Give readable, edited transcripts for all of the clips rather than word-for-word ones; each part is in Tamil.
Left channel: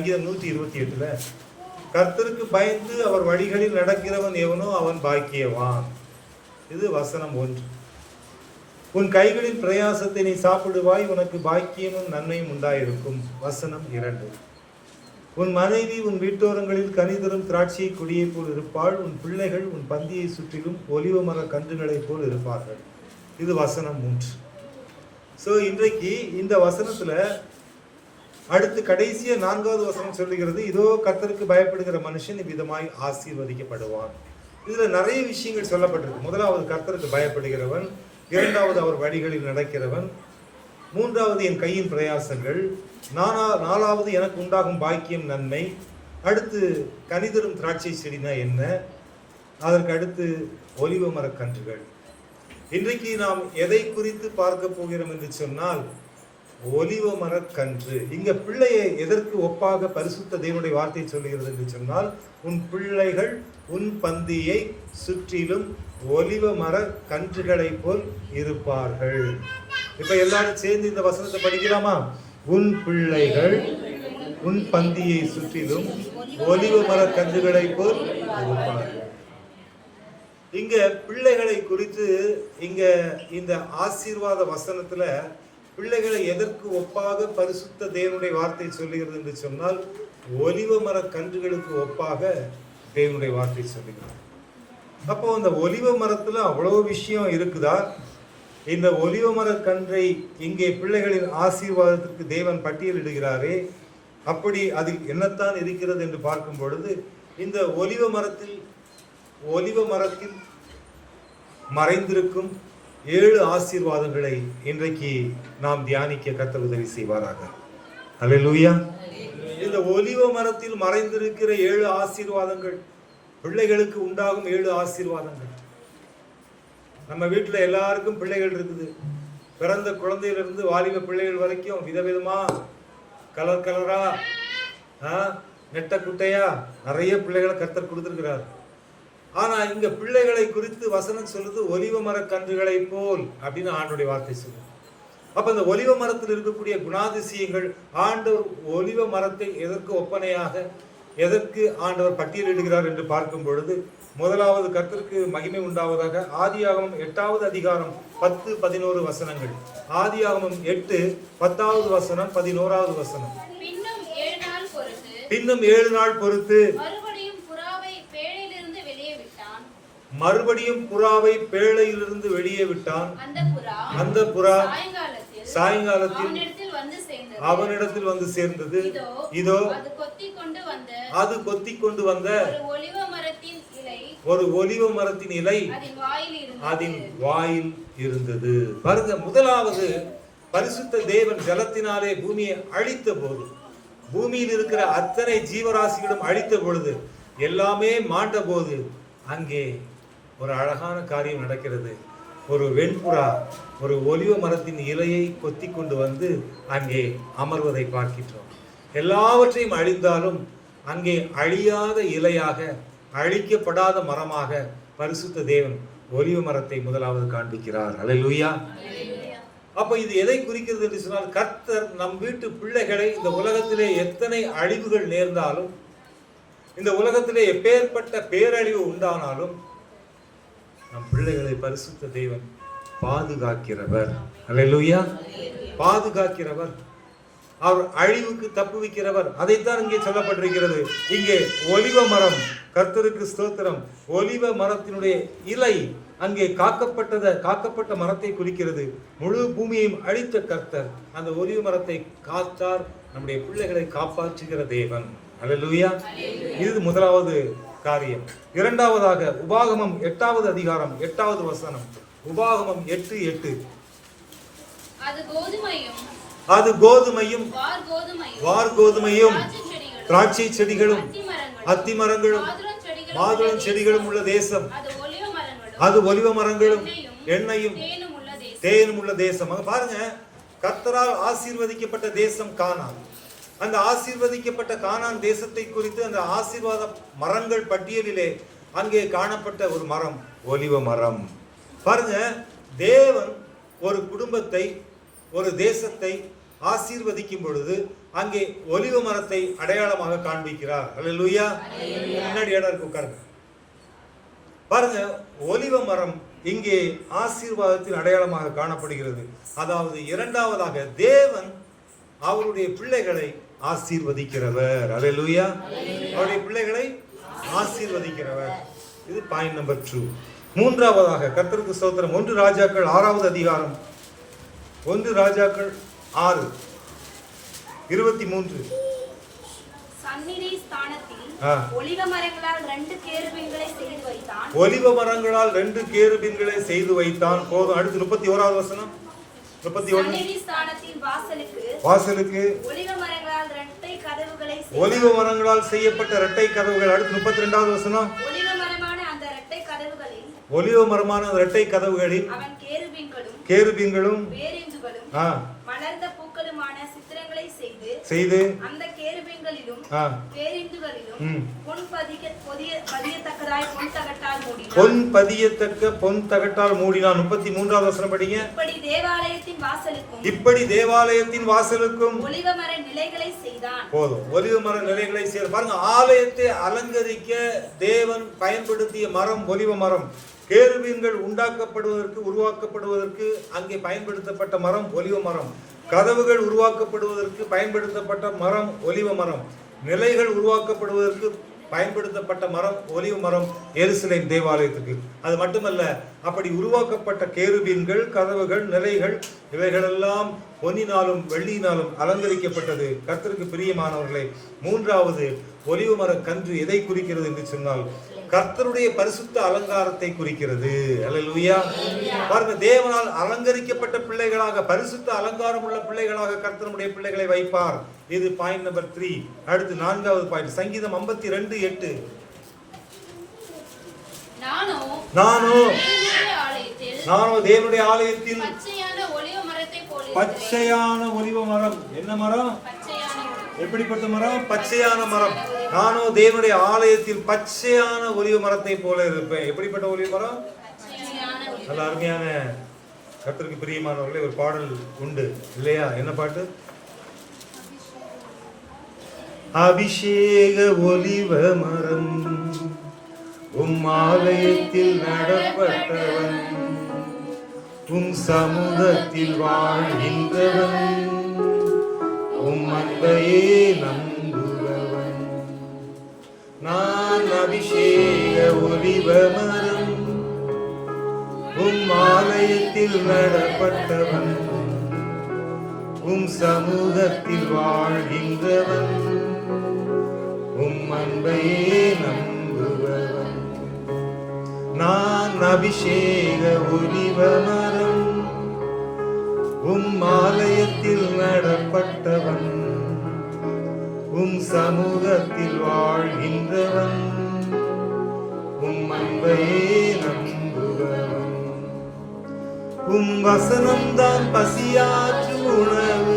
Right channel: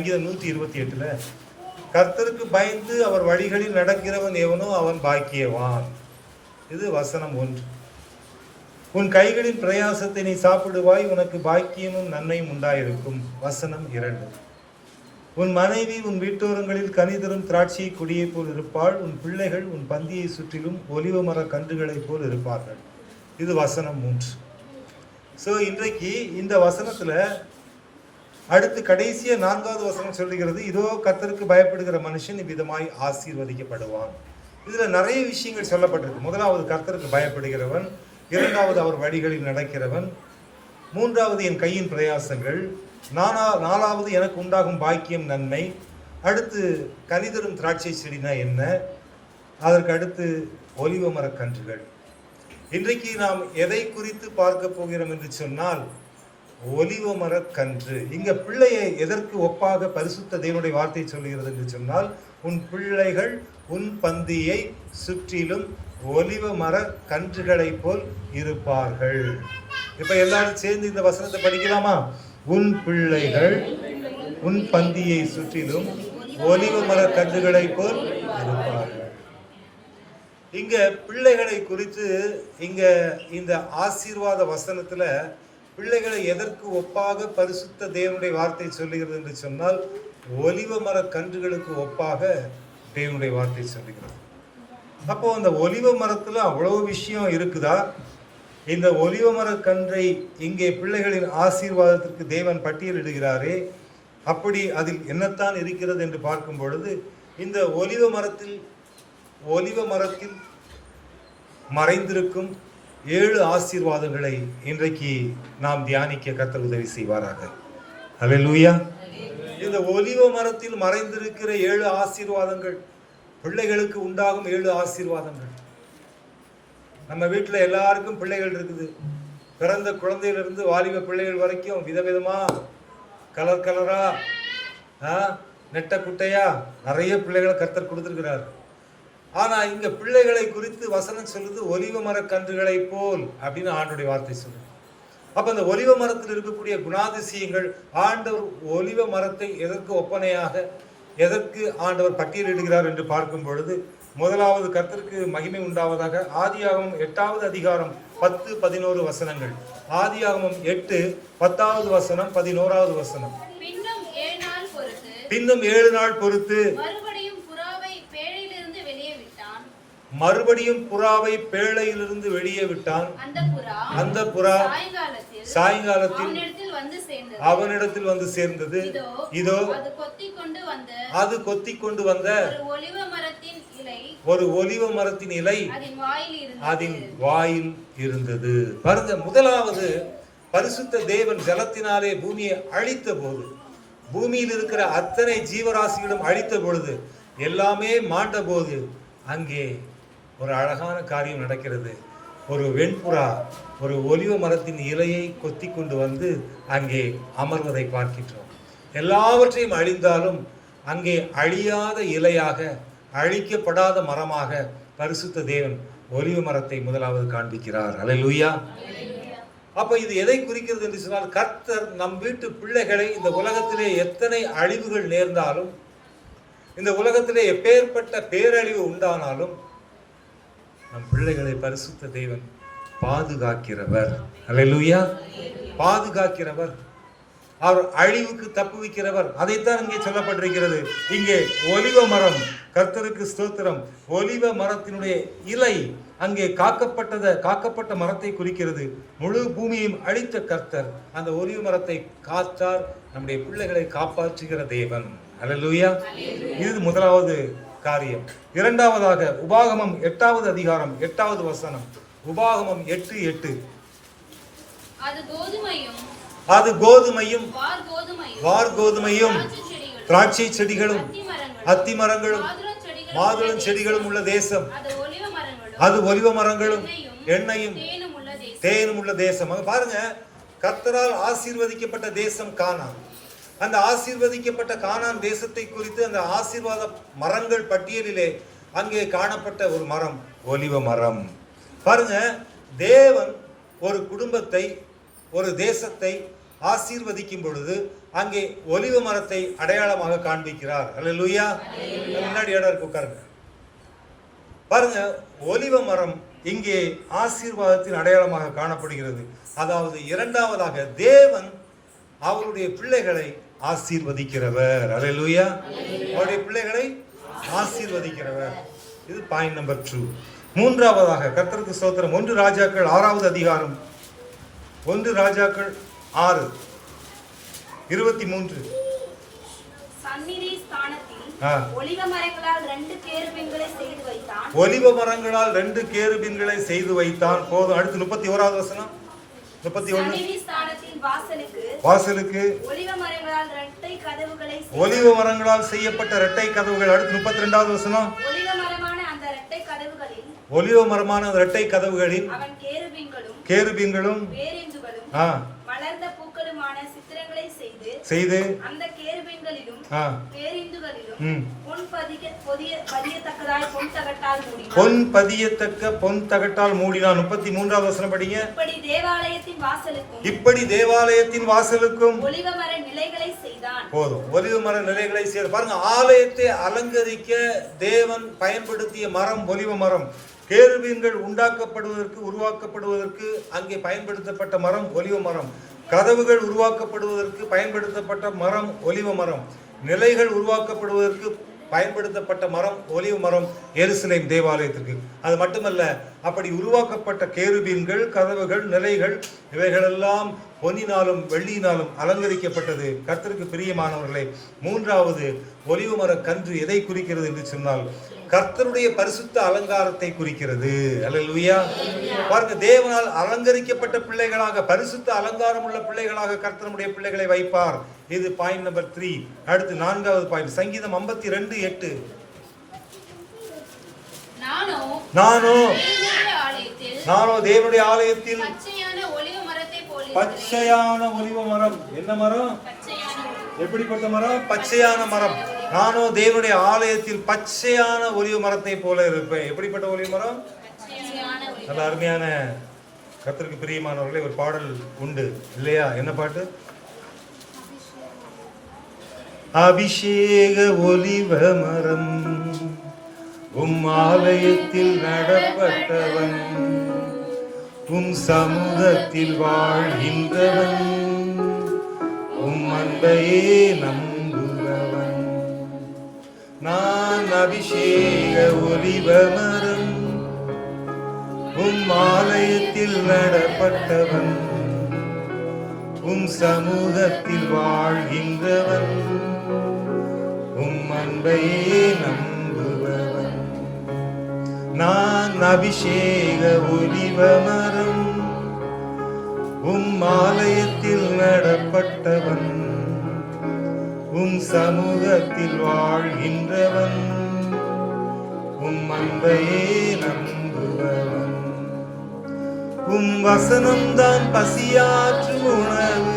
128 கர்த்தருக்கு பயந்து அவர் வழிகளில் நடக்கிறவன் எவனோ அவன் பாக்கியவான். இது வசனம் 1. உன் கைகளின் பிரயாசத்தை நீ சாப்பிடுவாய், உனக்கு பாக்கியமும் நன்மையும் உண்டாயிருக்கும். வசனம் 2. உன் மனைவி உன் வீட்டோரங்களில் கனிதரும் திராட்சையை கொடியை போல் இருப்பாள், உன் பிள்ளைகள் உன் பந்தியை சுற்றிலும் ஒலிவ மர கன்றுகளைப் போல் இருப்பார்கள். இது வசனம் 3. ஸோ இன்றைக்கு இந்த வசனத்துல அடுத்து கடைசியா 4வது வசனம் சொல்லுகிறது, இதோ கர்த்தருக்கு பயப்படுகிற மனுஷன் இவ்விதமாய் ஆசீர்வதிக்கப்படுவான். இதுல நிறைய விஷயங்கள் சொல்லப்பட்டிருக்கு. முதலாவது கர்த்தருக்கு பயப்படுகிறவன், 2வது அவர் வழிகளில் நடக்கிறவன், 3வது என் கையின் பிரயாசங்கள், 4வது எனக்கு உண்டாகும் பாக்கியம் நன்மை, அடுத்து கனிதரும் திராட்சை செடினா என்ன, அதற்கு அடுத்து ஒலிவ மரக்கன்றுகள். இன்றைக்கு நாம் எதை குறித்து பார்க்க போகிறோம் என்று சொன்னால் ஒலிவ மரக்கன்று. இங்க பிள்ளையை எதற்கு ஒப்பாக பரிசுத்த தேவனுடைய வார்த்தை சொல்லுகிறது என்று சொன்னால், உன் பிள்ளைகள் உன் பந்தியை சுற்றிலும் ஒலிவ மர கன்றுகளை போல் இருப்பார்கள். இப்ப எல்லாரும் சேர்ந்து இந்த வசனத்தை படிக்கலாமா? உன் பிள்ளைகள் உன் பந்தியை சுற்றிலும் ஒலிவ மர கன்றுகளை போல் இருப்பார்கள். இங்க பிள்ளைகளை குறித்து இங்க இந்த ஆசீர்வாத வசனத்துல பிள்ளைகளை எதற்கு ஒப்பாக பரிசுத்த தேவனுடைய வார்த்தை சொல்லுகிறது என்று சொன்னால், ஒலிவ மர கன்றுகளுக்கு ஒப்பாக தேவனுடைய வார்த்தை சொல்லுகிறது. அப்போ அந்த ஒலிவ மரத்துல அவ்வளவு விஷயம் இருக்குதா? இந்த ஒலிவ மர கன்றை இங்கே பிள்ளைகளின் ஆசீர்வாதத்திற்கு தேவன் பட்டியலிடுகிறாரே, அப்படி அதில் என்னத்தான் இருக்கிறது என்று பார்க்கும் பொழுது, இந்த ஒலிவ மரத்தில் மறைந்திருக்கும் 7 ஆசீர்வாதங்களை இன்றைக்கு நாம் தியானிக்க கர்த்தர் உதவி செய்வாராக. அல்லேலூயா. இந்த ஒலிவ மரத்தில் மறைந்திருக்கிற 7 ஆசீர்வாதங்கள், பிள்ளைகளுக்கு உண்டாகும் 7 ஆசீர்வாதங்கள். நம்ம வீட்டில் எல்லாருக்கும் பிள்ளைகள் இருக்குது. பிறந்த குழந்தையிலிருந்து வாலிப பிள்ளைகள் வரைக்கும் விதவிதமா கலர் கலரா நெட்ட குட்டையா நிறைய பிள்ளைகளை கர்த்தர் கொடுத்திருக்கிறார். ஆனா இங்க பிள்ளைகளை குறித்து வசனம் சொல்லுது ஒலிவ மர கன்றுகளை போல் அப்படின்னு ஆண்டவருடைய வார்த்தை சொல்லுது. அப்ப அந்த ஒலிவ மரத்தில் இருக்கக்கூடிய குணாதிசயங்கள், ஆண்டவர் ஒலிவ மரத்தை எதற்கு ஒப்பனையாக, எதற்கு ஆண்டவர் பட்டியலிடுகிறார் என்று பார்க்கும் பொழுது, முதலாவது கர்த்தருக்கு மகிமை உண்டாவதாக ஆதியாகமம் 8வது அதிகாரம் 10, 11 வசனங்கள். ஆதியாகமம் 8, 10வது வசனம், 11வது வசனம். பின்னும் 7 நாள் பொறுத்து மறுபடியும் புறாவை பேழையிலிருந்து வெளியே விட்டான். அந்த புறா சாயங்காலத்தில் அவனிடத்தில் வந்து சேர்ந்தது. இதோ அது கொத்தி கொண்டு வந்த ஒரு ஒலிவ மரத்தின் இலை அதன் வாயில் இருந்தது. பாருங்க, முதலாவது பரிசுத்த தேவன் ஜலத்தினாலே பூமியை அழித்த போது, பூமியில் இருக்கிற அத்தனை ஜீவராசிகளும் அழித்த பொழுது, எல்லாமே மாண்ட போது, அங்கே ஒரு அழகான காரியம் நடக்கிறது. ஒரு வெண்புறா ஒரு ஒலிவ மரத்தின் இலையை கொத்தி கொண்டு வந்து அங்கே அமர்வதை பார்க்கின்றோம். எல்லாவற்றையும் அழிந்தாலும் அங்கே அழியாத இலையாக, அழிக்கப்படாத மரமாக பரிசுத்த தேவன் ஒலிவ மரத்தை முதலாவது காண்பிக்கிறார். அல்லேலூயா. அப்ப இது எதை குறிக்கிறது என்று சொன்னால், கர்த்தர் நம் வீட்டு பிள்ளைகளை, இந்த உலகத்திலே எத்தனை அழிவுகள் நேர்ந்தாலும், இந்த உலகத்திலே எப்பேற்பட்ட பேரழிவு உண்டானாலும், நம் பிள்ளைகளை பரிசுத்த தேவன் பாதுகாக்கிறவர். அல்லேலூயா. பாதுகாக்கிறவர், அவர் அழிவுக்கு தப்புவிக்கிறவர். அதைத்தான் இங்கே சொல்லப்பட்டிருக்கிறது. இங்கே ஒலிவ மரம், கர்த்தருக்கு ஸ்தோத்திரம், ஒலிவ மரத்தினுடைய இலை அங்கே காக்கப்பட்ட மரத்தை குறிக்கிறது. முழு பூமியையும் அழித்த கர்த்தர் அந்த ஒலிவ மரத்தை காத்தார். நம்முடைய பிள்ளைகளை காப்பாற்றுகிற தேவன். அல்லேலூயா. இது முதலாவது காரியம். இரண்டாவதாக உபாகமம் 8வது அதிகாரம் 8வது வசனம். உபாகமம் 8:8. அது கோதுமையும் வார்கோதுமையும் திராட்சை செடிகளும் அத்தி மரங்களும் மாதுளம் செடிகளும் உள்ள தேசம். அது ஒலிவ மரங்களும் எண்ணெயும் தேனும் உள்ள தேசம். பாருங்க, கர்த்தரால் ஆசீர்வதிக்கப்பட்ட தேசம் கானான். அந்த ஆசீர்வதிக்கப்பட்ட கானான் தேசத்தை குறித்து அந்த ஆசீர்வாத மரங்கள் பட்டியலிலே அங்கே காணப்பட்ட ஒரு மரம் ஒலிவ மரம். பாருங்க, தேவன் ஒரு குடும்பத்தை, ஒரு தேசத்தை ஆசீர்வதிக்கும் பொழுது அங்கே ஒலிவ மரத்தை அடையாளமாக காண்பிக்கிறார். அல்லேலூயா. முன்னாடி இடம் இருக்கு, உட்காருங்க. பாருங்க, ஒலிவ மரம் இங்கே ஆசீர்வாதத்தின் அடையாளமாக காணப்படுகிறது. அதாவது இரண்டாவதாக தேவன் அவருடைய பிள்ளைகளை ஆசீர்வதிக்கிறவர். அல்லேலூயா. அவருடைய பிள்ளைகளை ஆசீர்வதிக்கிறவர். இது பாயிண்ட் நம்பர் 2. மூன்றாவதாக கர்த்தருக்கு ஸ்தோத்திரம், 1 ராஜாக்கள் 6வது அதிகாரம், 1 ராஜாக்கள் 6:23. சந்நிதி ஸ்தானத்தில் ஒலிவ மரங்களால் 2 கேருபீன்களை செய்து வைத்தான். ஒலிவ மரங்களால் 2 கேருபீன்களை செய்து வைத்தான். போதும். அடுத்து 31வது வசனம். 31. சந்நிதி ஸ்தானத்தின் வாசலுக்கு ஒலிவ மரங்களால் 2 கதவுகளை ஒலிவ மரங்களால் செய்யப்பட்ட 2 கதவுகள். அடுத்து 32வது வசனம். ஒலிவ மரமான அந்த 2 கதவுகளில் ஒலிவ மரமான 2 கதவுகளில் அவன் கேருபீன்களும் வேரிந்துகளும் மலர்ந்த பூக்களுமான சித்திரங்களை செய்து அந்த கேருபீன்களிலும் வேரிந்துகளிலும் பொன் பதியத்தக்கதாய் பொன் தகட்டால் மூடினான். 33வது வசனம் படிங்க. இப்படி தேவாலயத்தின் வாசலுக்கும் ஒலிவ மர நிலைகளை செய்தான். போதும். ஒலிவ மர நிலைகளை செய்து பாருங்க. ஆலயத்தை அலங்கரிக்க தேவன் பயன்படுத்திய மரம் ஒலிவ மரம். கேருபீன்கள் உருவாக்கப்படுவதற்கு அங்கே பயன்படுத்தப்பட்ட மரம் ஒலிவ மரம். கதவுகள் உருவாக்கப்படுவதற்கு பயன்படுத்தப்பட்ட மரம் ஒலிவ மரம். நிலைகள் உருவாக்கப்படுவதற்கு பயன்படுத்தப்பட்ட மரம் ஒலிவ மரம் எருசலேம் தேவாலயத்திற்கு. அது மட்டுமல்ல, அப்படி உருவாக்கப்பட்ட கேருபீன்கள், கதவுகள், நிலைகள் இவைகளெல்லாம் பொன்னினாலும் வெள்ளியினாலும் அலங்கரிக்கப்பட்டது. கர்த்தருக்கு பிரியமானவர்களே, மூன்றாவது ஒலிவ மர கன்று எதை குறிக்கிறது என்று சொன்னால் கர்த்தருடைய பரிசுத்த அலங்காரத்தை குறிக்கிறது. அல்லேலூயா. பாருங்க, தேவனால் அலங்கரிக்கப்பட்ட பிள்ளைகளாக, பரிசுத்த அலங்காரம் உள்ள பிள்ளைகளாக கர்த்தருடைய பிள்ளைகளை வைப்பார். இது பாயிண்ட் நம்பர் 3. அடுத்து 4வது பாயிண்ட், சங்கீதம் 52:8. நானோ தேவனுடைய ஆலயத்தில் பச்சையான ஒலிவ மரம். என்ன மரம்? எப்படிப்பட்ட மரம்? பச்சையான மரம். நானோ தேவனுடைய ஆலயத்தில் பச்சையான ஒலிவ மரத்தை போல இருப்பேன். எப்படிப்பட்ட ஒலிவ மரம்? அது அருமையான, கர்த்தருக்கு பிரியமானவர்களே, ஒரு பாடல் உண்டு இல்லையா? என்ன பாட்டு? அபிஷேக ஒலிவ மரம் ஆலயத்தில் நடப்பட்டவன், சமூகத்தில் வாழ்கின்றவன், அன்பையே நம்புபவன். நான் அபிஷேக ஒலிவ மரம், ஆலயத்தில் நடப்பட்டவன், சமூகத்தில் வாழ்கின்றவன், அன்பையே நம்புபவன். நான் அபிஷேக ஒலிவ மரம், ஆலயத்தில் நடப்பட்டவன், சமூகத்தில் வாழ்கின்றவன், அன்பையே நம்புபவன். வசனம்தான் பசியாற்றும் உணவு,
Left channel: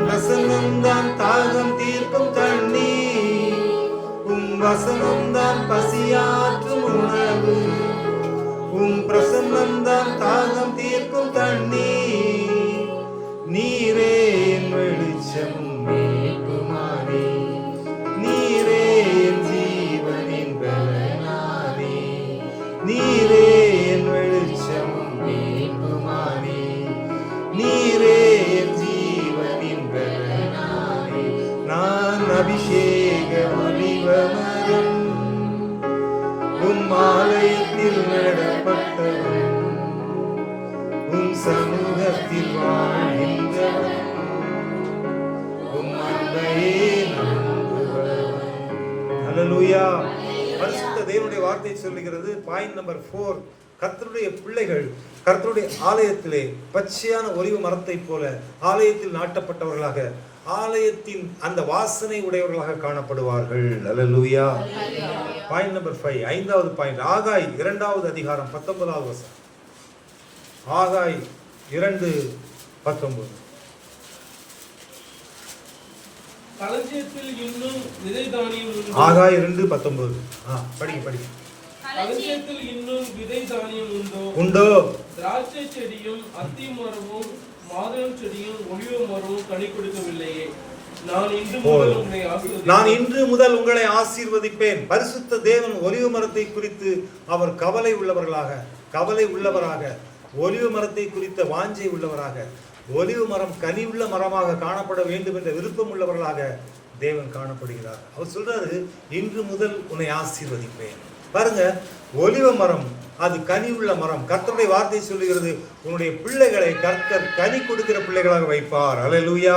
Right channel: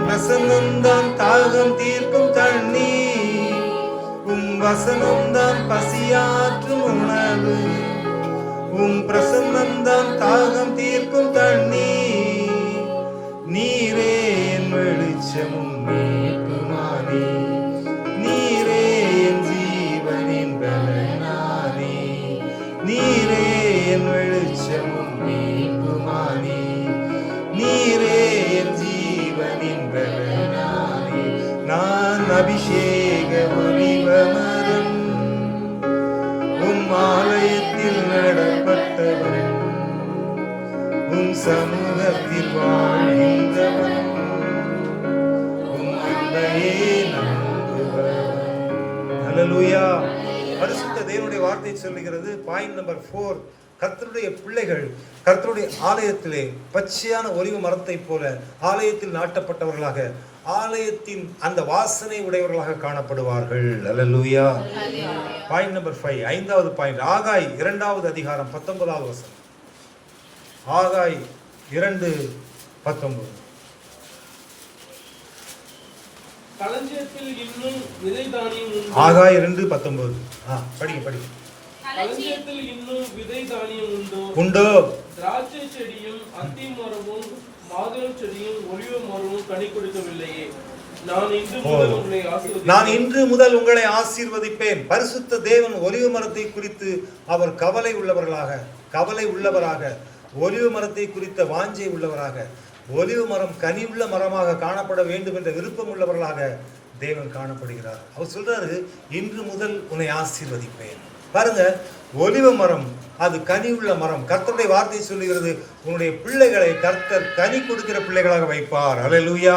பிரசன்னம்தான் தாகம் தீர்க்கும் தண்ணீர். வசனம்தான் பசியாற்றும் உணவு, பிரசன்னம்தான் தாகம் தீர்க்கும் தண்ணீர். நீரே என் வெளிச்சமும் மீட்புமானே, நீரே என் ஜீவனின் பலனானே. நீரே என் வெளிச்சமும் மீட்புமானே, நீரே என் ஜீவனின் பலனானே. நான் அபிஷேக ஒலிவ மரம், ஆலயத்தில் நடப்பட்டவன், சமூகத்தில் வாழ்கின்றவன், அன்பையே நம்புபவன். அல்லேலூயா. பரிசுத்த தேவனுடைய வார்த்தை சொல்லுகிறது. பாயிண்ட் நம்பர் 4, கர்த்தருடைய பிள்ளைகள் கர்த்தருடைய ஆலயத்திலே பச்சையான ஒலிவ மரத்தை போல ஆலயத்தில் நாட்டப்பட்டவர்களாக, ஆலயத்தின் அந்த வாசனை உடையவர்களாக காணப்படுவார்கள். அல்லேலூயா. பாயிண்ட் நம்பர் 5, 5வது பாயிண்ட், ஆகாய் 2வது அதிகாரம் 19வது வசனம். ஆகாய் 2:19. களஞ்சியத்தில் இன்னும் விதை தானியம் உண்டு. ஆகாய் 2:19. படிங்க. களஞ்சியத்தில் இன்னும் விதை தானியம் உண்டோ? உண்டோ? திராட்சை செடியும் அத்தி மரமும் ஆதரவு செடியும் ஒலிவ மரமும் கனி கொடுக்கவில்லையே. நான் இன்று முதல் உங்களை ஆசீர்வதிப்பேன். நான் இன்று முதல் உங்களை ஆசீர்வதிப்பேன். பரிசுத்த தேவன் ஒலிவ மரத்தை குறித்து அவர் கவலை உள்ளவராக, ஒலிவ மரத்தை குறித்த வாஞ்சை உள்ளவராக, ஒலிவ மரம் கனி உள்ள மரமாக காணப்பட வேண்டும் என்ற விருப்பம் உள்ளவர்களாக தேவன் காணப்படுகிறார். அவர் சொல்றாரு, இன்று முதல் உன்னை ஆசீர்வதிப்பேன். பாருங்க, ஒலிவ மரம் அது கனி உள்ள மரம். கர்த்தருடைய வார்த்தை சொல்லுகிறது, உன்னுடைய பிள்ளைகளை கர்த்தர் கனி கொடுக்கிற பிள்ளைகளாக வைப்பார். அல்லேலூயா.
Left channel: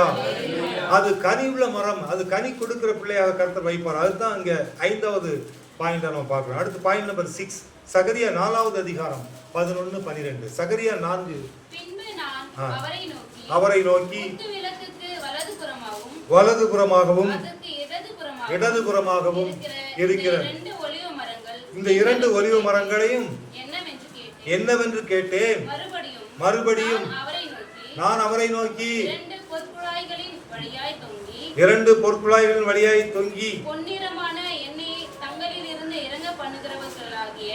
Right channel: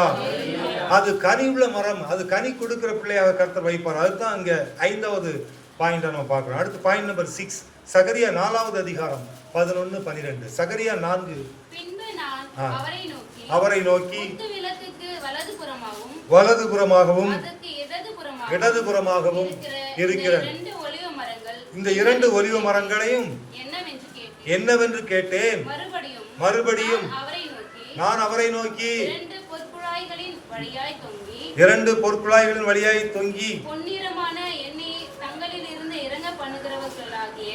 அது கனி உள்ள மரம், அது கனி கொடுக்கிற பிள்ளையாக கர்த்தர் வைப்பார். அதுதான் இங்க 5வது பாயிண்ட் நம்ம பார்க்கிறோம். அடுத்து பாயிண்ட் நம்பர் 6, சகரியா 4வது அதிகாரம் 11-12. சகரியா 4. பின்பு நான் அவரை நோக்கி குத்துவிளக்குக்கு வலதுபுறமாகவும் அதற்கு இடதுபுறமாகவும் இருக்கிற இந்த 2 ஒலிவ மரங்களையும் என்னவென்று கேட்டேன். மறுபடியும் நான் அவரை நோக்கி 2 பொற்குழாய்களின் வழியாய் தொங்கி பொன்னிறமான எண்ணெயை தங்களில் இருந்து இறங்க பண்ணுகிறவர்களாகிய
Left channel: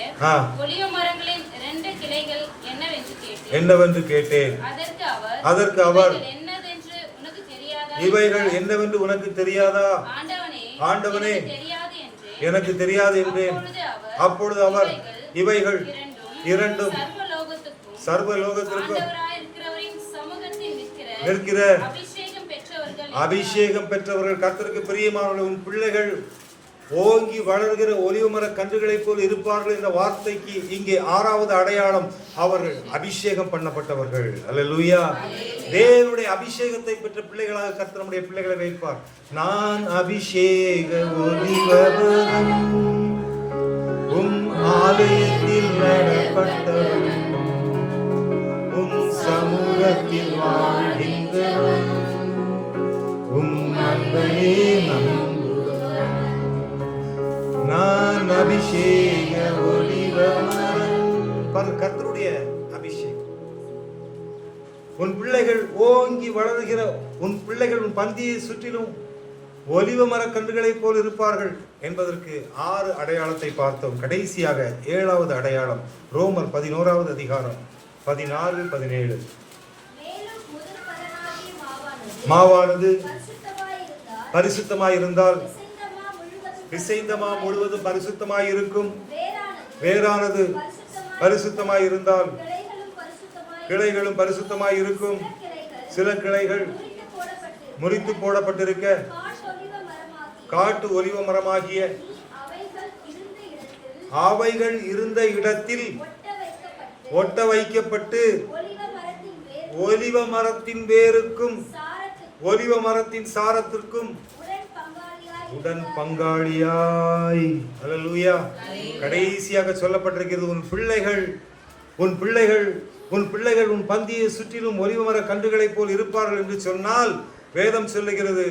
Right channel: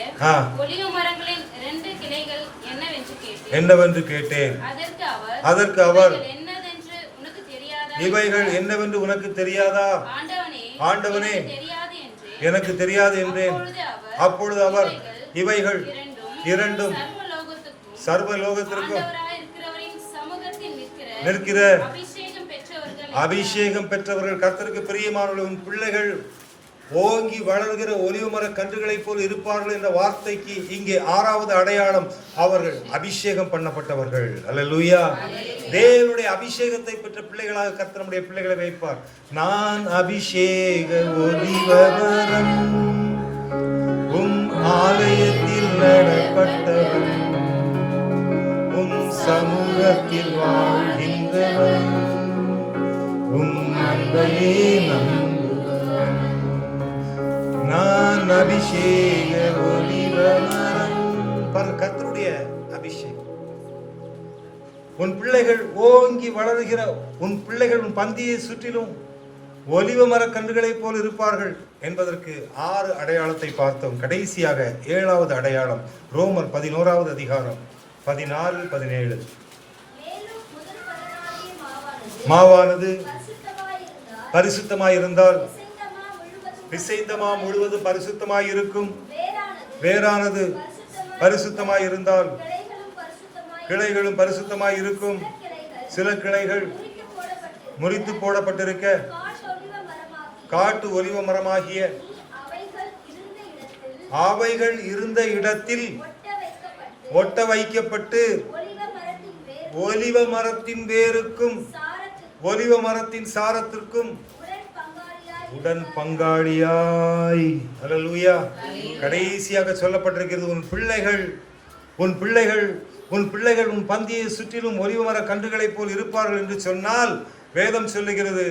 ஒலிவ மரங்களின் 2 கிளைகள் என்னவென்று கேட்டேன். அதற்கு அவர் இவைகள் என்னவென்று உனக்கு தெரியாதா? ஆண்டவனே, எனக்கு தெரியாது என்றேன். அப்பொழுது அவர் இவைகள் இரண்டும் சர்வலோகத்திற்கும் நிற்கிற அபிஷேகம் பெற்றவர்கள், கர்த்தருக்கு பிரியமானவர்கள், உன் பிள்ளைகள் ஓங்கி வளர்கிற ஒலிவ மர கன்றுகளைப் போல் இருப்பார்கள் என்ற வார்த்தைக்கு இங்கே 6வது அடையாளம், அவர்கள் அபிஷேகம் பண்ணப்பட்டவர்கள். அல்லேலூயா. தேவனுடைய அபிஷேகத்தை பெற்ற பிள்ளைகளாக கர்த்தர் நம்முடைய பிள்ளைகளை வைப்பார். நான் அபிஷேக ஒலிவ மரம், உம் ஆலயத்தில் நடப்பட்டவன், உம் சமூகத்தில் வாழ்கின்றவன், உம் அன்பையே நான் அபிஷேக ஒலிவ மரம். கர்த்தருடைய அபிஷேகம். உன் பிள்ளைகள் ஓங்கி வளர்கிற உன் பிள்ளைகள் உன் பந்தியை சுற்றிலும் ஒலிவ மர கன்றுகளைப் போல் இருப்பார்கள் என்பதற்கு 6 அடையாளத்தை பார்த்தோம். கடைசியாக 7வது அடையாளம், ரோமர் 11வது அதிகாரம் 14-17. மாவானது பரிசுத்தமாயிருந்தால் பிசைந்தமா முழுவதும் பரிசுத்தமாயிருக்கும். வேறானது பரிசுத்தமாயிருந்தால் கிளைகளும் பரிசுத்தமாயிருக்கும். சில கிளைகள் முறித்து போடப்பட்டிருக்க காட்டு ஒலிவ மரமாகிய அவைகள் இருந்த இடத்தில் ஒட்ட வைக்கப்பட்டு ஒலிவ மரத்தின் வேருக்கும் ஒலிவ மரத்தின் சாரத்திற்கும் உடன் பங்காளியாய். அல்லேலூயா. கடைசியாக சொல்லப்பட்டிருக்கிறது, உன் பிள்ளைகள் உன் பந்தியை சுற்றிலும் ஒலிவ மர கன்றுகளைப் போல் இருப்பார்கள் என்று சொன்னால், வேதம் சொல்லுகிறது,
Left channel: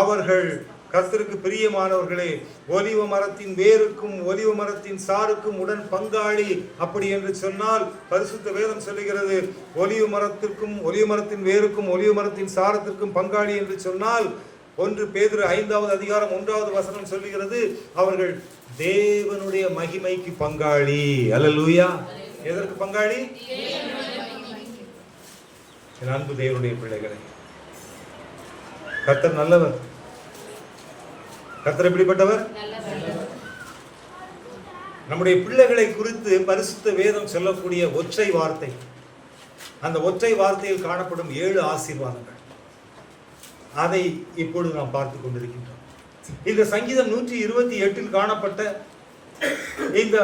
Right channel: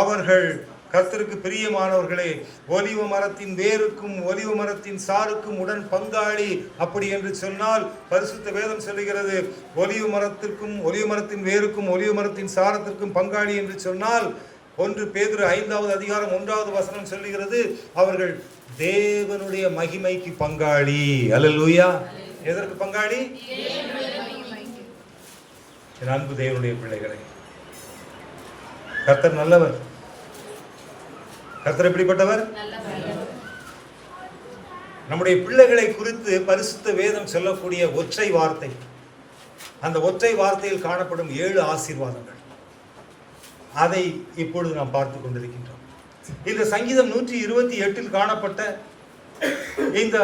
அவர்கள் கர்த்தருக்கு பிரியமானவர்களே, ஒலிவ மரத்தின் வேருக்கும் ஒலிவ மரத்தின் சாருக்கும் உடன் பங்காளி. அப்படி என்று சொன்னால் பரிசுத்த வேதம் சொல்லுகிறது, ஒலிவ மரத்திற்கும் ஒலிவ மரத்தின் வேருக்கும் ஒலிவ மரத்தின் சாரத்திற்கும் பங்காளி என்று சொன்னால் 1 பேதுரு 5வது அதிகாரம் 1வது வசனம் சொல்லுகிறது, அவர்கள் தேவனுடைய மகிமைக்கு பங்காளி. அல்லேலூயா. எதற்கு பங்காளி? என் அன்பு தேவனுடைய பிள்ளைகளை, கர்த்தர் நல்லவர். கர்த்தர் எப்படிப்பட்டவர்? நம்முடைய பிள்ளைகளை குறித்து பரிசுத்த வேதம் சொல்லக்கூடிய ஒற்றை வார்த்தை, அந்த ஒற்றை வார்த்தையில் காணப்படும் 7 ஆசீர்வாதங்கள், அதை இப்பொழுது நாம் பார்த்து கொண்டிருக்கின்றோம். இந்த சங்கீதம் 128 காணப்பட்ட இந்த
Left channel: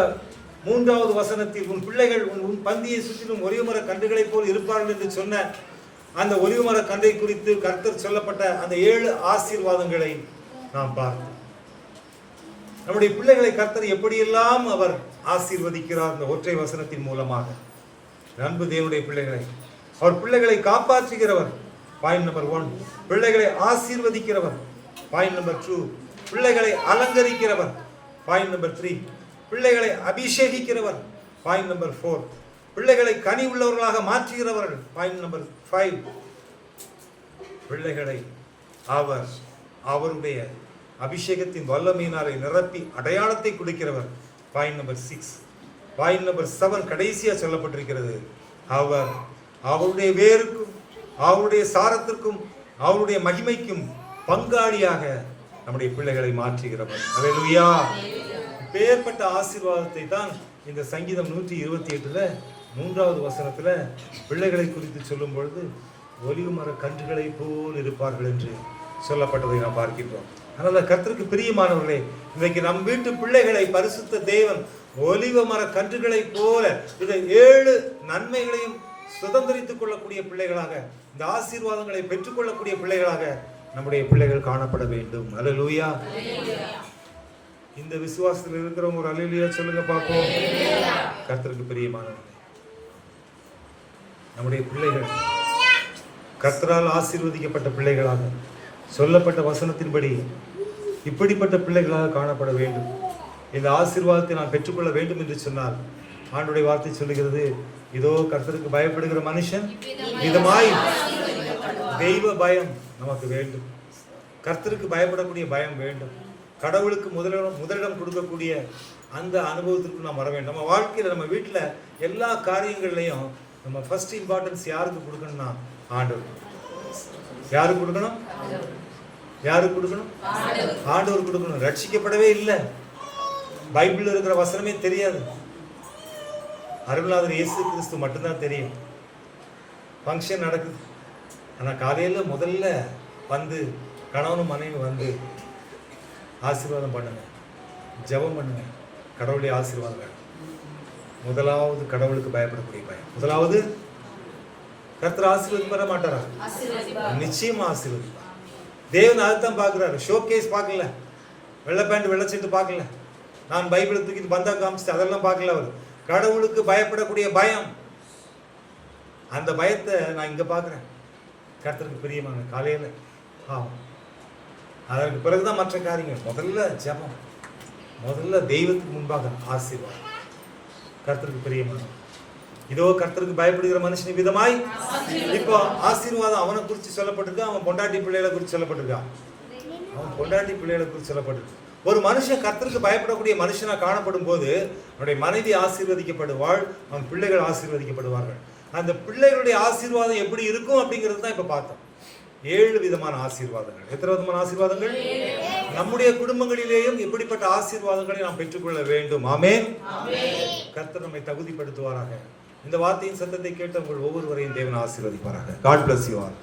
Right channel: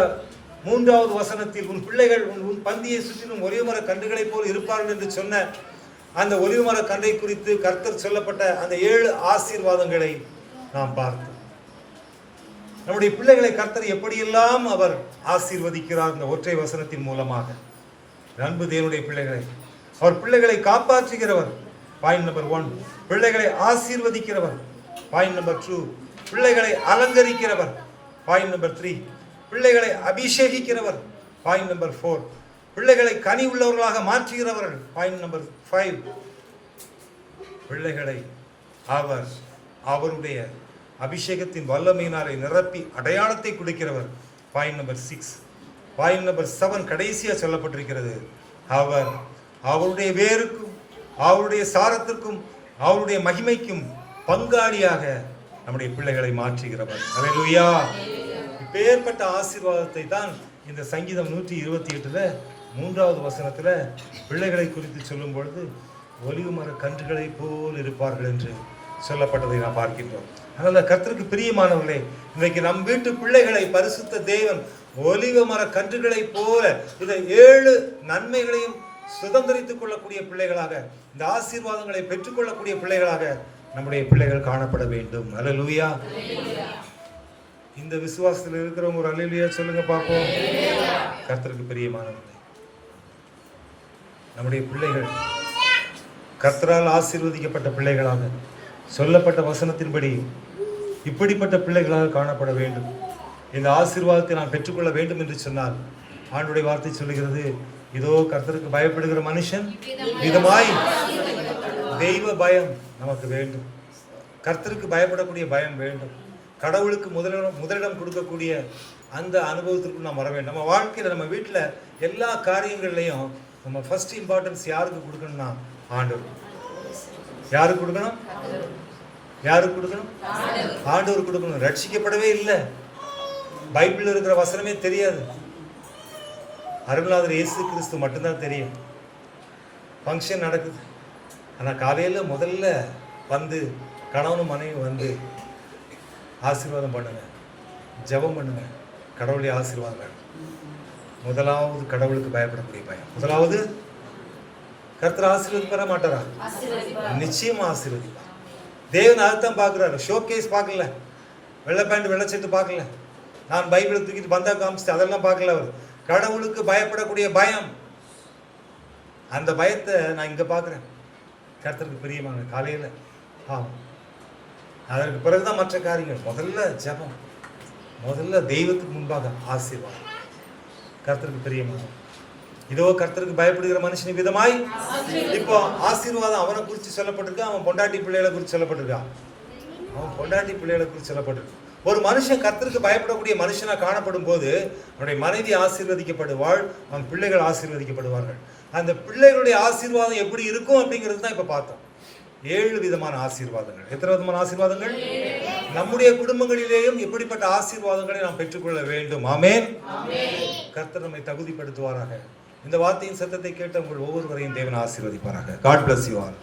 3வது வசனத்தில், உன் பிள்ளைகள் உன் பந்தியை சுற்றிலும் ஒலிவ மர கன்றுகளைப் போல் இருப்பார்கள் என்று சொன்ன அந்த ஒலிவ மர கன்றை குறித்து கர்த்தர் சொல்லப்பட்ட அந்த 7 ஆசீர்வாதங்களை நாம் பார்த்தோம். நம்முடைய பிள்ளைகளை கர்த்தர் எப்படியெல்லாம் அவர் ஆசீர்வதிக்கிறார் இந்த ஒற்றை வசனத்தின் மூலமாக. அன்பு தேவனுடைய பிள்ளைகளை, அவர் பிள்ளைகளை காப்பாற்றுகிறவர். Point number 1. பிள்ளைகளை ஆசீர்வதிக்கிறவர். Point number 2. பிள்ளைகளை அலங்கரிக்கிறவர். Point number 3. பிள்ளைகளை அபிஷேகிக்கிறவர். Point number 4. பிள்ளைகளை கனி உள்ளவர்களாக மாற்றுகிறவர். Point number 5. பிள்ளைகளை அவருடைய அபிஷேகத்தின் வல்லமையினாலே நிரப்பி அடையாளத்தை கொடுக்கிறவர். Point number 6. பாயிண்ட் நம்பர் 7 கடைசியாக சொல்லப்பட்டிருக்கிறது, அவருடைய வேருக்கும் அவருடைய சாரத்திற்கும் அவருடைய மகிமைக்கும் பங்காளியாக நம்முடைய பிள்ளைகளை மாற்றுகிறவர். அல்லேலூயா. இப்பேற்பட்ட ஆசீர்வாதத்தை தான் இந்த சங்கீதம் 128 3வது வசனத்துல பிள்ளைகளை குறித்து சொல்லும் பொழுது ஒலிவு மர கன்றுகளை போல் இருப்பார்கள் என்று சொல்லப்பட்டதை நாம் பார்க்கின்றோம். அதனால கர்த்தருக்கு பிரியமானவர்களே, இன்றைக்கு நம் வீட்டு பிள்ளைகளை பரிசுத்த தேவன் ஒலிவ மர கன்றுகளை போல இந்த 7 நன்மைகளையும் சுதந்திரித்துக் கொள்ளக்கூடிய பிள்ளைகளாக, இந்த ஆசீர்வாதங்களை பெற்றுக்கொள்ளக்கூடிய பிள்ளைகளாக நம்முடைய பிள்ளைகள் காணப்பட வேண்டும். அல்லேலூயா. இந்த விசுவாசத்தில் இருக்கிறவங்க ஒரு அல்லேலூயா சொல்லுங்க பார்ப்போம். கர்த்தருக்கு பிரியமானவர்களே, நம்முடைய பிள்ளைகள் கர்த்தரால் ஆசீர்வதிக்கப்பட்ட பிள்ளைகளாக, சொல்லப்பட்ட வசனத்தின்படி இப்படிப்பட்ட பிள்ளைகளாக காணப்பட வேண்டும். இந்த ஆசீர்வாதத்தை நாம் பெற்றுக்கொள்ள வேண்டும் என்று சொன்னால் ஆண்டுடைய வார்த்தை சொல்லுகிறது, இதோ கர்த்தருக்கு பயப்படுகிற மனுஷன் விதமாய். தெய்வ பயம் நமக்கு வேண்டும். கர்த்தருக்கு பயப்படக்கூடிய பயம் வேண்டும். கடவுளுக்கு முதலிடம் கொடுக்கக்கூடிய அந்த அனுபவத்திற்கு நாம் வர வேண்டும். நம்ம வாழ்க்கையில், நம்ம வீட்டில் எல்லா காரியங்கள்லையும் நம்ம ஃபர்ஸ்ட் இம்பார்ட்டன்ஸ் யாருக்கு கொடுக்கணும்னா ஆண்டவர். யாருக்கு கொடுக்கணும்? யாருக்கு கொடுக்கணும்? ஆண்டவர் கொடுக்கணும். ரட்சிக்கப்படவே இல்லை, பைபிளில் இருக்கிற வசனமே தெரியாது, அருளாதர் இயேசு கிறிஸ்து மட்டும்தான் தெரியும். ஃபங்க்ஷன் நடக்குது, ஆனால் காலையில் முதல்ல வந்து கணவனும் மனைவி வந்து ஆசீர்வாதம் பண்ணுங்க, ஜெபம் பண்ணுங்க, கடவுளுடைய ஆசீர்வாதங்கள். முதலாவது கடவுளுக்கு பயப்படக்கூடிய பயம். முதலாவது கர்த்தர் ஆசீர்வதிப்பட மாட்டாரா? நிச்சயமா ஆசீர்வதிப்பார். தேவன் அதைத்தான் பார்க்குறாரு. ஷோகேஸ் பார்க்கல, வெள்ளை பேண்ட் வெள்ளை சீட்டு பார்க்கல, நான் பைபிளை தூக்கிட்டு பந்தா காமிச்சிட்டு அதெல்லாம் பார்க்கல. அவர் கடவுளுக்கு பயப்படக்கூடிய பயம், அந்த பயத்தை நான் இங்கே பார்க்குறேன். கர்த்தருக்கு பிரியமான காலையில் அதற்கு பிறகுதான் மற்ற காரியங்கள். முதல்ல ஜெபம், முதல்ல தெய்வத்துக்கு முன்பாக ஆசீர்வாதம். கர்த்தருக்கு பிரியமான, இதோ கர்த்தருக்கு பயப்படுகிற மனுஷன் விதமாய். இப்போ ஆசீர்வாதம் அவனை குறித்து சொல்லப்பட்டிருக்கா, அவன் பொண்டாட்டி பிள்ளைகளை குறித்து சொல்லப்பட்டிருக்கா? அவன் பொண்டாட்டி பிள்ளைகளை குறித்து சொல்லப்பட்டிருக்கு. ஒரு மனுஷன் கர்த்தருக்கு பயப்படக்கூடிய மனுஷனா காணப்படும் போது அவனுடைய மனைவி ஆசீர்வதிக்கப்படுவாள், அவன் பிள்ளைகள் ஆசீர்வதிக்கப்படுவார்கள். அந்த பிள்ளைகளுடைய ஆசீர்வாதம் எப்படி இருக்கும் அப்படிங்கிறது தான் இப்ப பார்த்தோம். 7 விதமான ஆசீர்வாதங்கள். எத்தனை விதமான ஆசீர்வாதங்கள்? நம்முடைய குடும்பங்களிலேயும் இப்படிப்பட்ட ஆசீர்வாதங்களை நாம் பெற்றுக்கொள்ள வேண்டும். ஆமென். கர்த்தர் நம்மை தகுதிப்படுத்துவாராக. இந்த வார்த்தையின் சத்தத்தை கேட்ட உங்கள் ஒவ்வொருவரையும் தேவன் ஆசீர்வதிப்பாராக. God bless you all.